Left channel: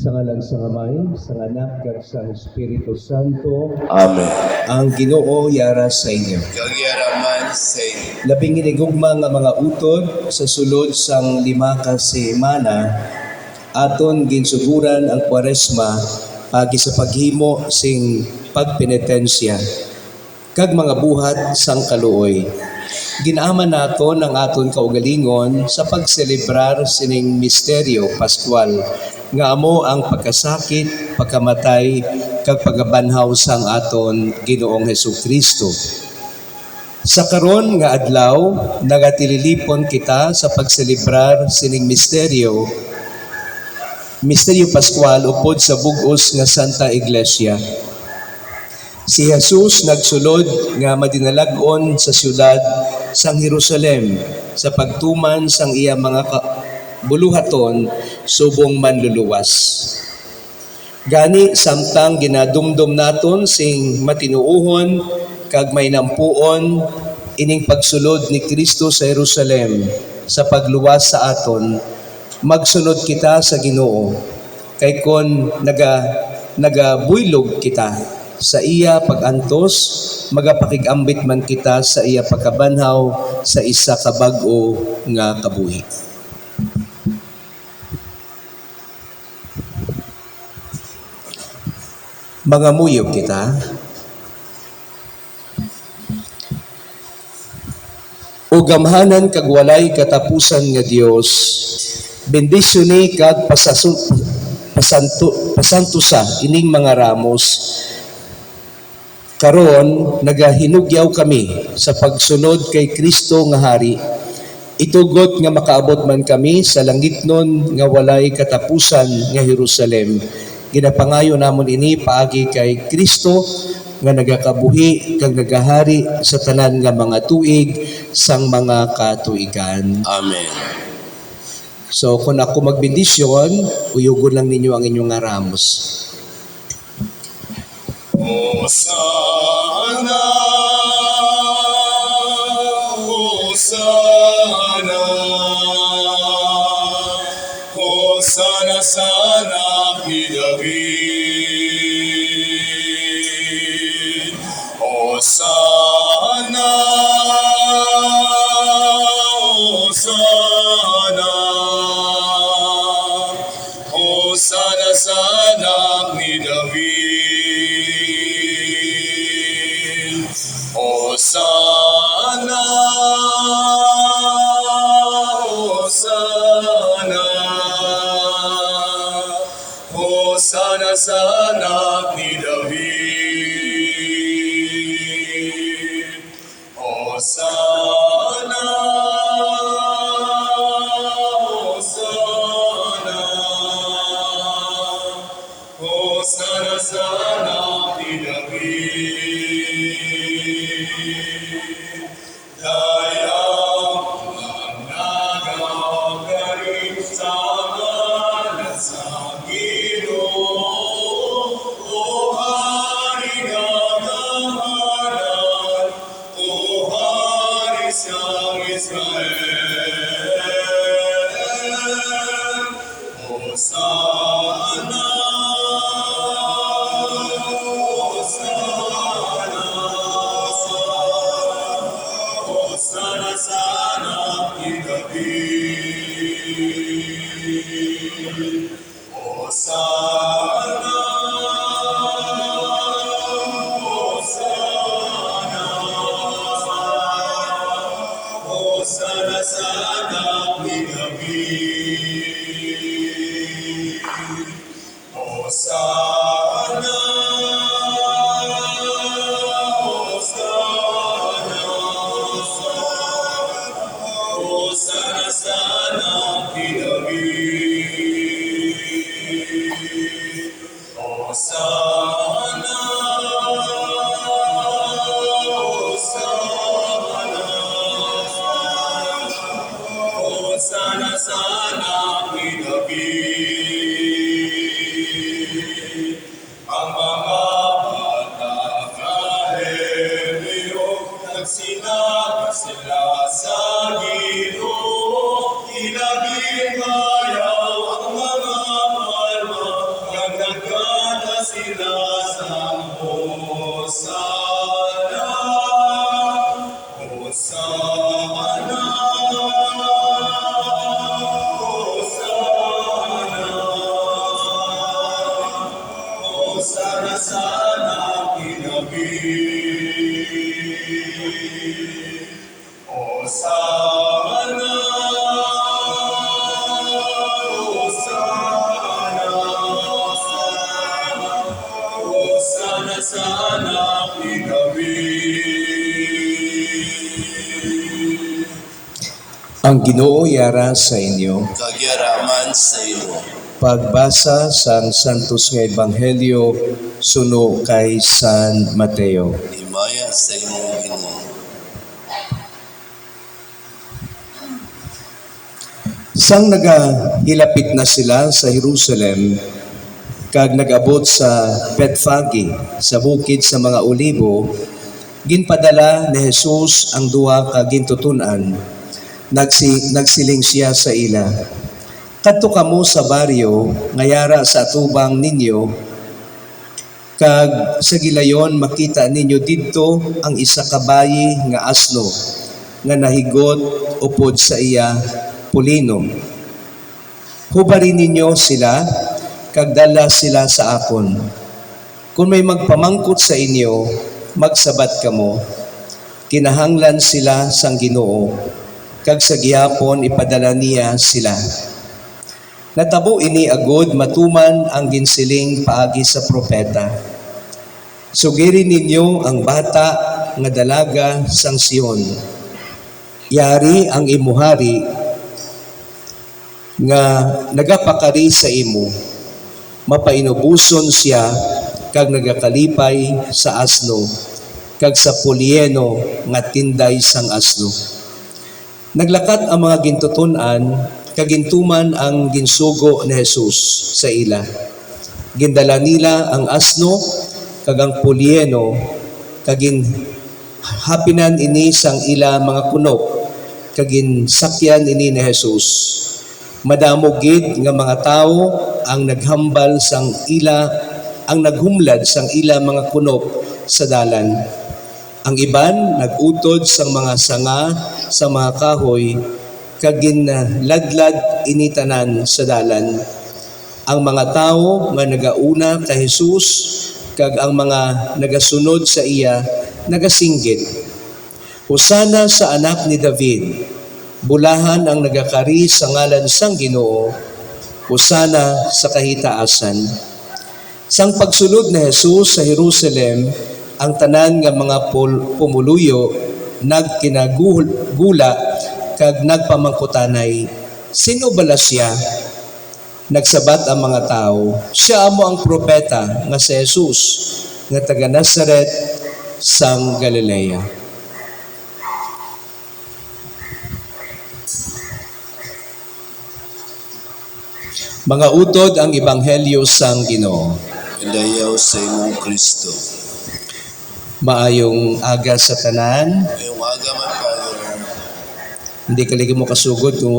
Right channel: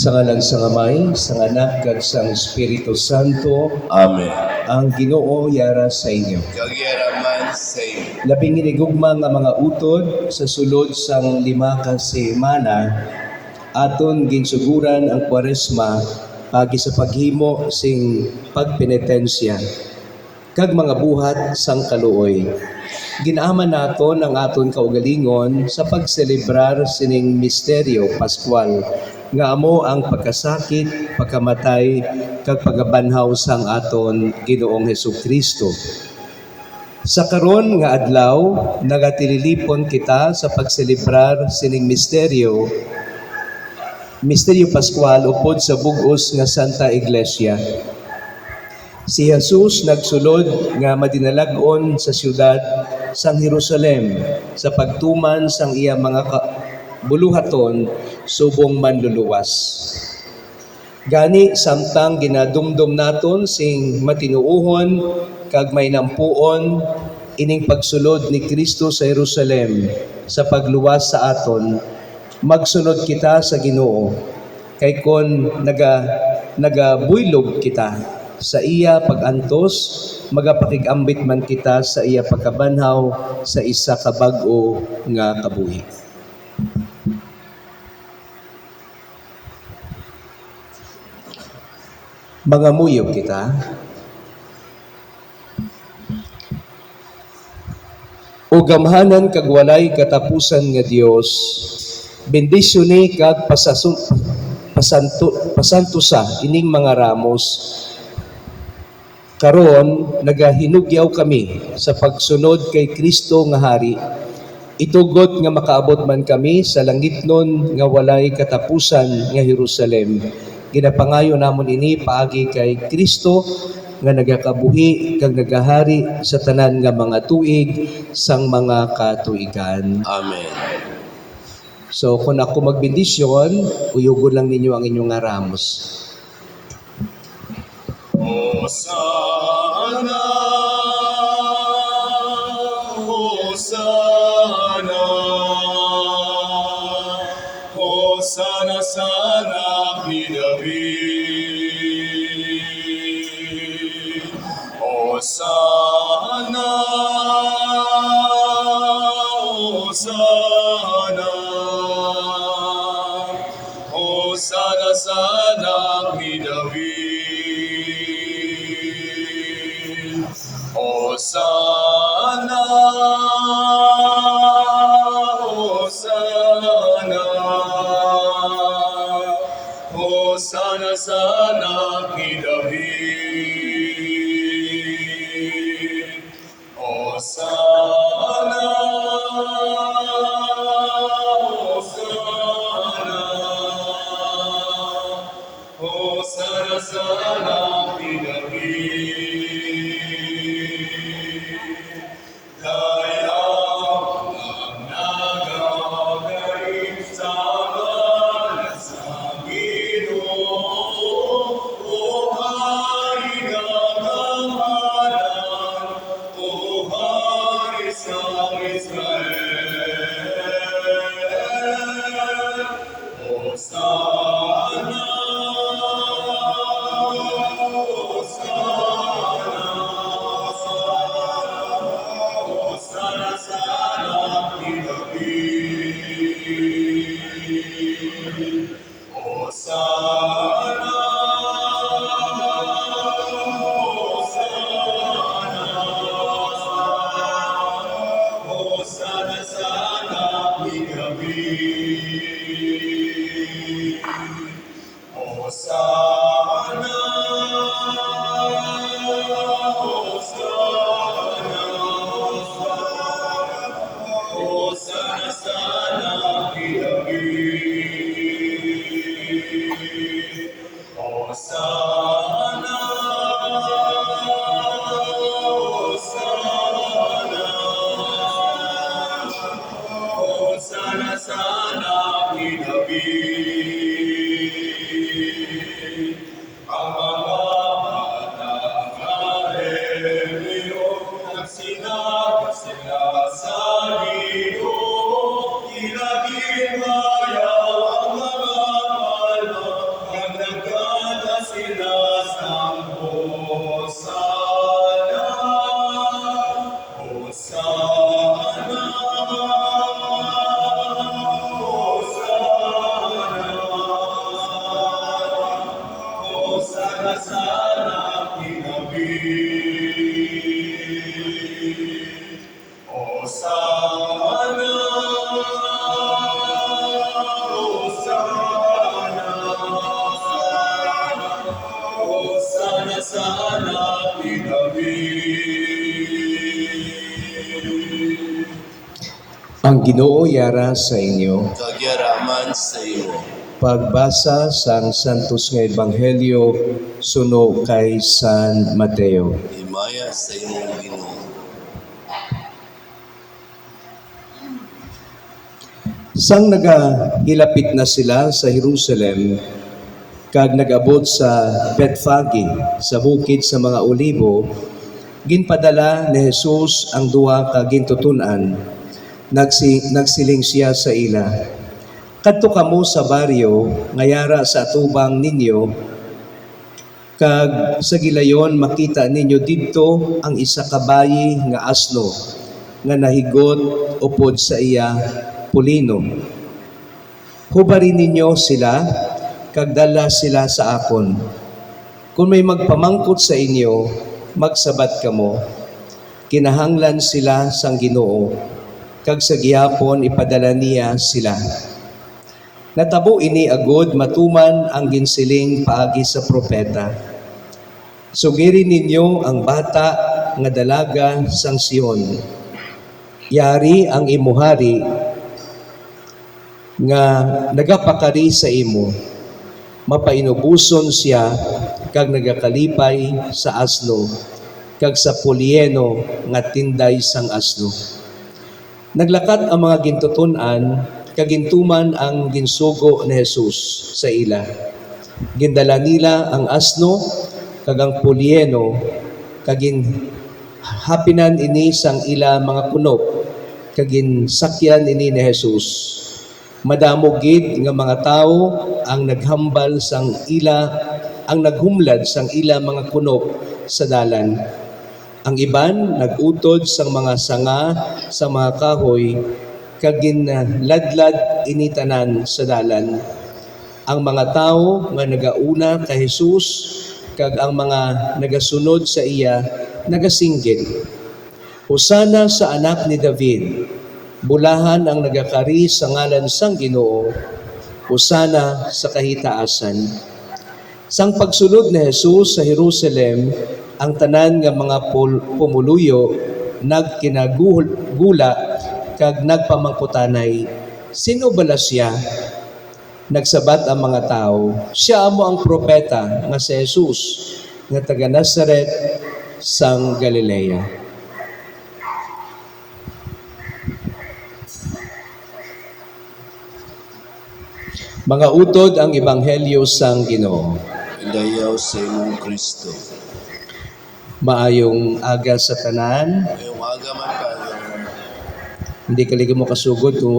Sa ngalan sa Amay, sa Anak, kag sa Espiritu Santo. Amen. Ang Ginoo yara sa inyo. Kagyaraman sa inyo. Labing inigugma nga mga utod sa sulod sang 5 ka semana, aton ginsuguran ang Kwaresma pagi sa paghimo sing pagpenitensya kag mga buhat sang kaluoy. Ginaaman naton ang aton kaugalingon sa pagselebrar sining misteryo Pascual nga amo ang pagkasakit, pagkamatay, kag pagabanhaw sang aton Ginoong Hesukristo. Sa karon nga adlaw, nagatililipon kita sa pagselebrar sining misteryo Pascual upod sa bug-os nga Santa Iglesia. Si Jesus nagsulod nga madinalag-on sa siyudad sang Jerusalem sa pagtuman sang iya mga buluhaton subong manluluwas. Gani samtang ginadumdum naton sing matinuohon kag may nampuon ining pagsulod ni Kristo sa Jerusalem sa pagluwas sa aton, magsunod kita sa Ginoo kay kon nagabuylog kita sa iya pagantos, magapakigambit man kita sa iya pagkabanhaw sa isa ka bag-o nga kabuhi. Mga muyog kita. O gamhanan kag walay katapusan nga Dios, bendisyoni kag pasantusa ining mga ramos. Karon nagahinugyaw kami sa pagsunod kay Kristo nga hari. Itugot nga makaabot man kami sa langitnon nga walay katapusan nga Jerusalem. Ginapangayo namon ini paagi kay Kristo nga nagakabuhi kag nagahari sa tanan nga mga tuig sang mga katuigan. Amen. So kung ako magbendisyon, uyugon lang ninyo ang inyong ramos. Hosanna, Hosanna, Hosanna sa anak ni David. Hosanna, Hosanna, Hosanna sa anak ni David. Hosana sana kinabi. Hosana, Hosana, Hosana sana kinabi. Ang Ginoo yara sa inyo. Kagyaraman sa iyo. Pagbasa sa Santos nga Ebanghelyo suno kay San Mateo. Himaya sa imong Ginoo. Sang nagahilapit na sila sa Jerusalem, kag nag-abot sa Bethfage, sa bukid sa mga Olibo, ginpadala ni Jesus ang duha ka gintutunan. Nagsiling siya sa ila. Kadto kamo sa baryo nga yara sa atubang ninyo, kag sa gilayon makita ninyo didto ang isa ka bayi nga asno nga nahigot upod sa iya pulino. Hubarin ninyo sila kag dala sila sa akon. Kung may magpamangkot sa inyo, magsabat kamo. Kinahanglan sila sang Ginoo, kag sa gihapon ipadala niya sila. Natabo ini agod matuman ang ginsiling paagi sa propeta. Sugirin ninyo ang bata nga dalaga sang Sion. Yari ang imuhari nga nagapakari sa imo. Mapainubuson siya kag nagakalipay sa asno kag sa pulieno nga tinday sang asno. Naglakat ang mga gintutunan kagintuman ang ginsugo ni Jesus sa ila. Gindala nila ang asno kag ang pulieno kagin hapinan ini sang ila mga kunop kagin sakyan ini ni Jesus. Madamo gid nga mga tawo ang naghambal sang ila ang naghumlad sang ila mga kunop sa dalan. Ang iban nagutod sang mga sanga sa mga kahoy kagin ladlad initanan sa dalan. Ang mga tao nga nagauna kay Jesus kag ang mga nagasunod sa iya nagasinggit. Hosana sa anak ni David. Bulahan ang nagakari sa ngalan sang Ginoo. Hosana sa kahitaasan. Sang pagsunod ni Jesus sa Jerusalem, ang tanan nga mga pumuluyo nagkinagula kag nagpamangkutanay, sino bala siya? Nagsabat ang mga tao, siya amo ang propeta nga si Jesus, nga taga Nazaret sang Galilea. Mga utod ang Ebanghelyo sang Ginoo. Dayaw sa imong Kristo. Maayong aga sa tanan, Ngayong aga man, Father. hindi kaligi mo kasugod kung